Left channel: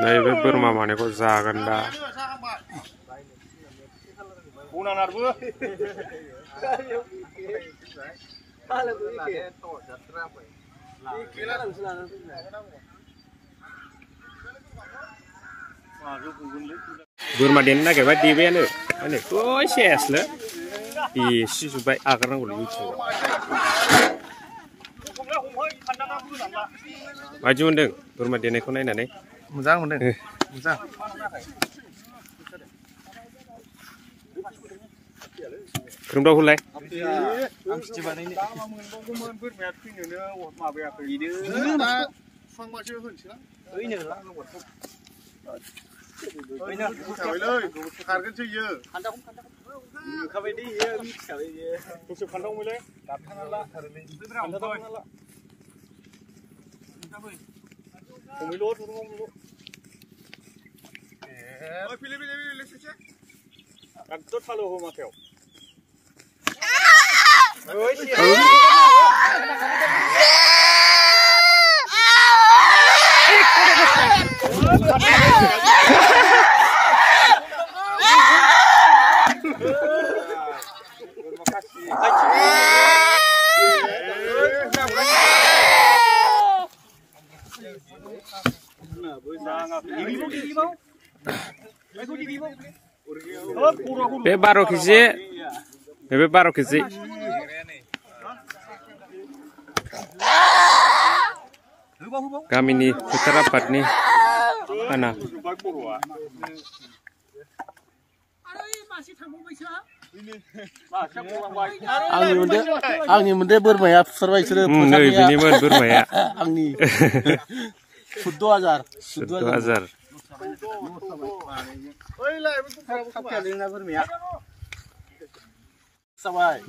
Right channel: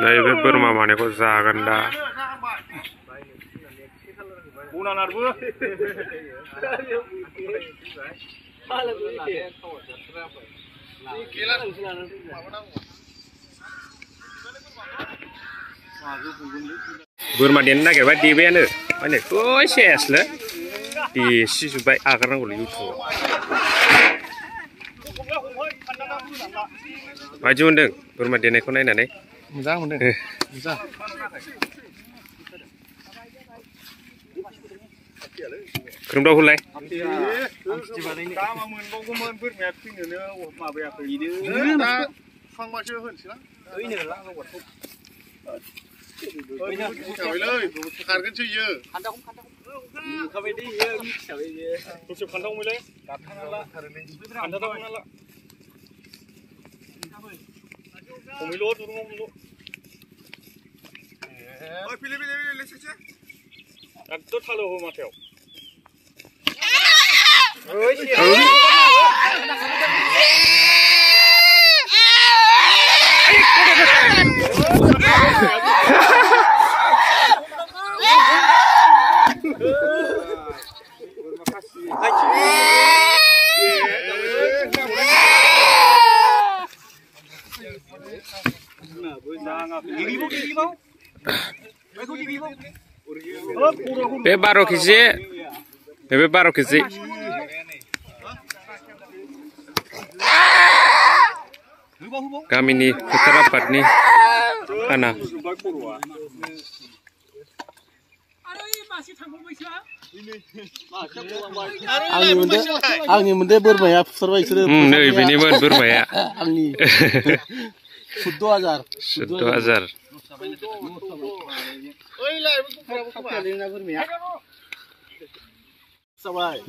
नैबे बोरमा मानैखौ जागोन दा बोरमा देनो नागिरबाय देबायानो माने सेसलै देसिजोब्बाय आगारनांगौलै इउटुबाव माबायदि मोनदों बोरमा देनायखौ नायनानै मोजां मोनदों मोजां खोरोमदावखौलाय बे 12 केजि बे 12 केजि गामिनि फोथार आफादनि खाना आंनि मोनदे बोरमाया फुथारबाय बिसोरो नै बेनिमोन बोरमाया आंनि 14,000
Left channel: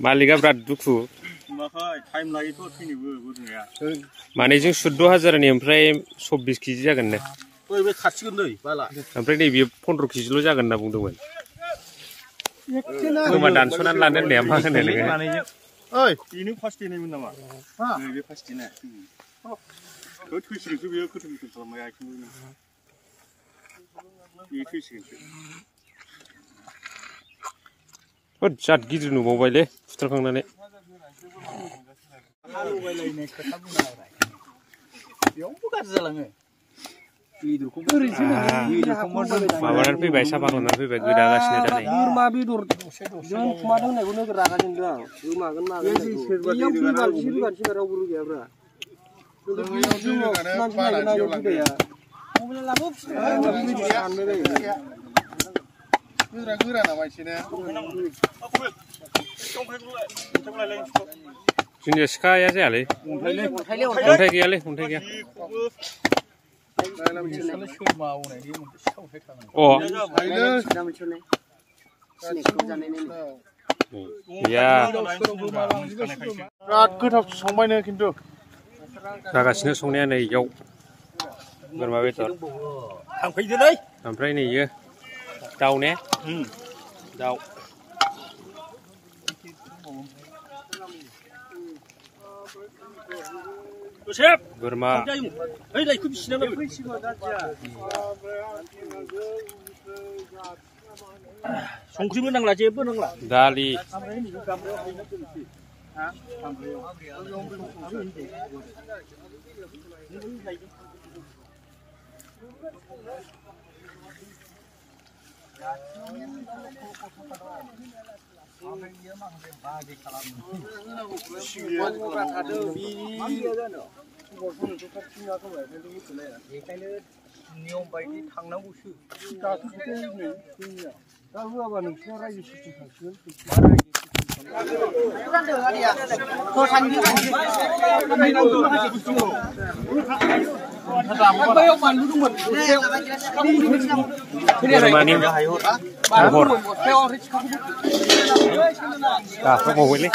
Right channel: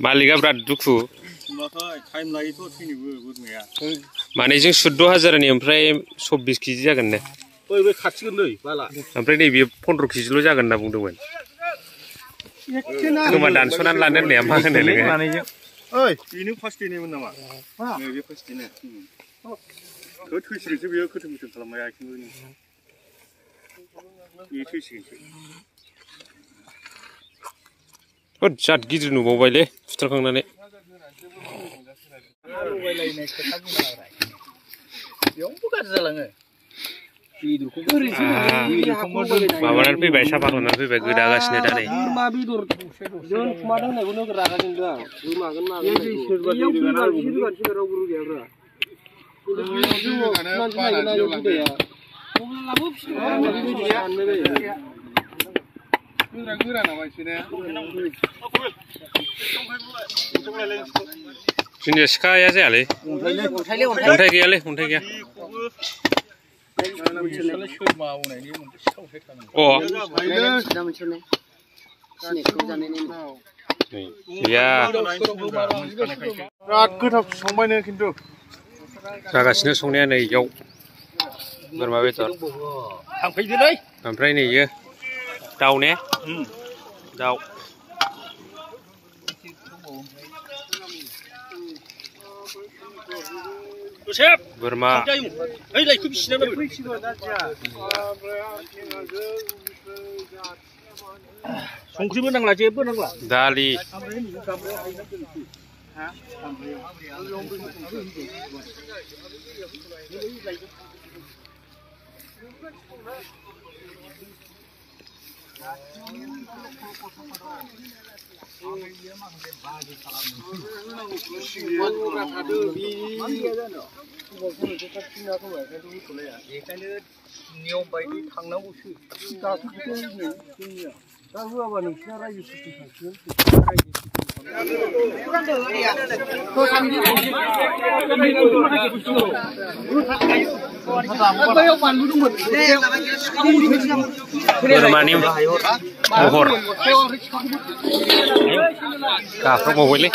मालिका बिराद दुखु माने जों 14,000 ओमफ्राय 24 केजि जागोन ने ओमफ्राय नैबे 15 केजिल' जागोन होनना बुंदोंमोन खोमा दानस'नानै लानो होननाया मा होनो नोङो ओइ बेनो फार्स्ट देनायमोन नामा नैबे फार्स्ट देनाय थैसिगोनसो बेयो खोथों खोथों खालामबाय आथिंबो बे थैसिगोनसो जाद गिदिर नुबावबायलै फुथारखांनानै माबानानै फैबाय साफा खालामनानै फैबाय गोदागासिनो दा नै जोंनिया सिखाया जायालै अन्थाइ गैयालै अन्थाइ गैया गैया बिराद गोथाव संबायनो खिन्थु जागासिनो संनाया नै इयाव बोरमा बेदर ओमफ्राय नै इयो दाउ ने दाउ बोरमा संख्रिबो नांला जेबो नांला दालि नियम बायदि थांनांगौसो दा होआबा नोंसिना रायजो सिस्टेम थांसिगोन बोरमानि महर गाफ्रावबावबायलै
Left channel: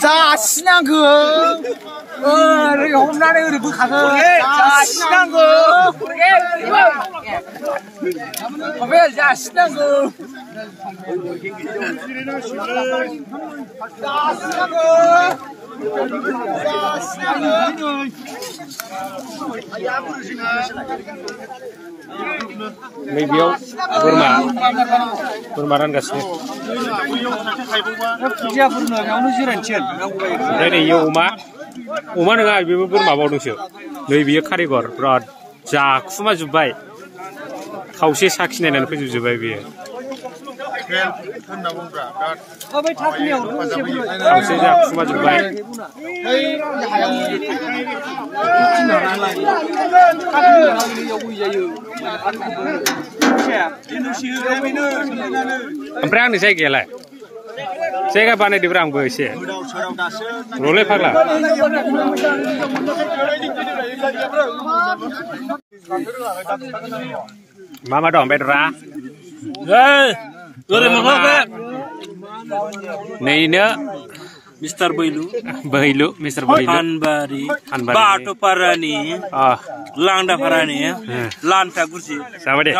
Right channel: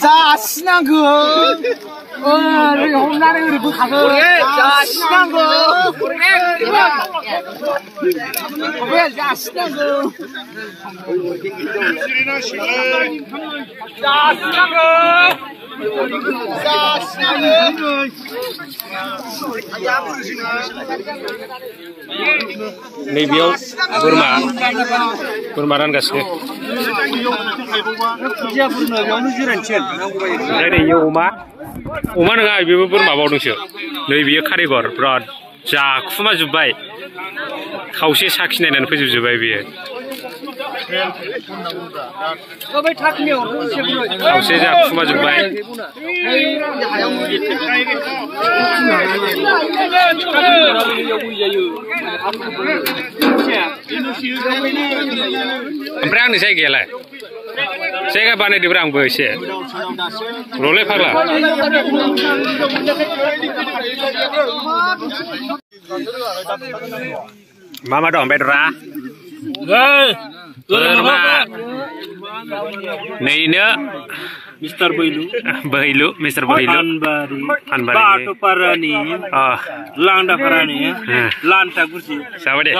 자신한거 이렇게 홈런에 우리 가서 자신한거 왜 자신한거 नैबेयाव बोरमा रानगासिनो ओमफ्राय नैयो अमा नङा बेबो बोरमा बावदोंसो नै बियो कारिगर बिराद जाखुमाजोब्बाय खावसे साखिनायनानै फैजोबजोब्बाय बियो खावसे जाखुमाजोब्बाय ओमफ्राय आंनि जायगायालाय जायगा बानायदोब्रा आंबो एसे र'लै फाग्ला मा दं बेदरा नैनो मिस्टार बैलु मिस्टार बैलु Anbari Batoparani Landaparani Lanta Gusi जाबाय दे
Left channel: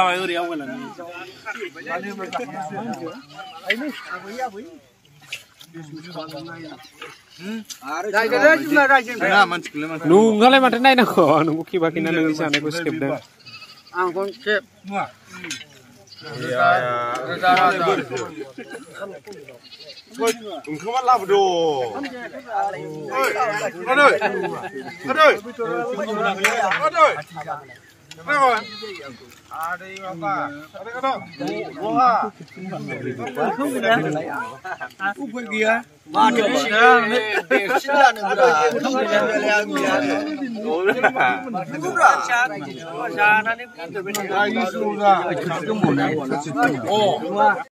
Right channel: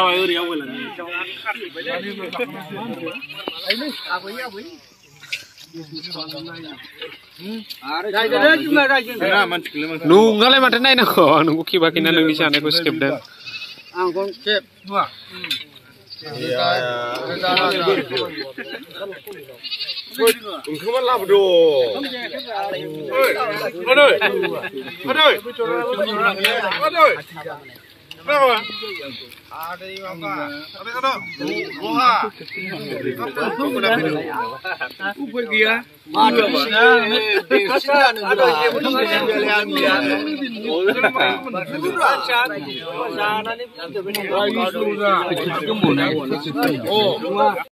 नोंहालाय माथो नायनांगौ आं नोंखौ खेबाखैना नोंनि जानायखौ सेबदों ओंखामा लाबोदो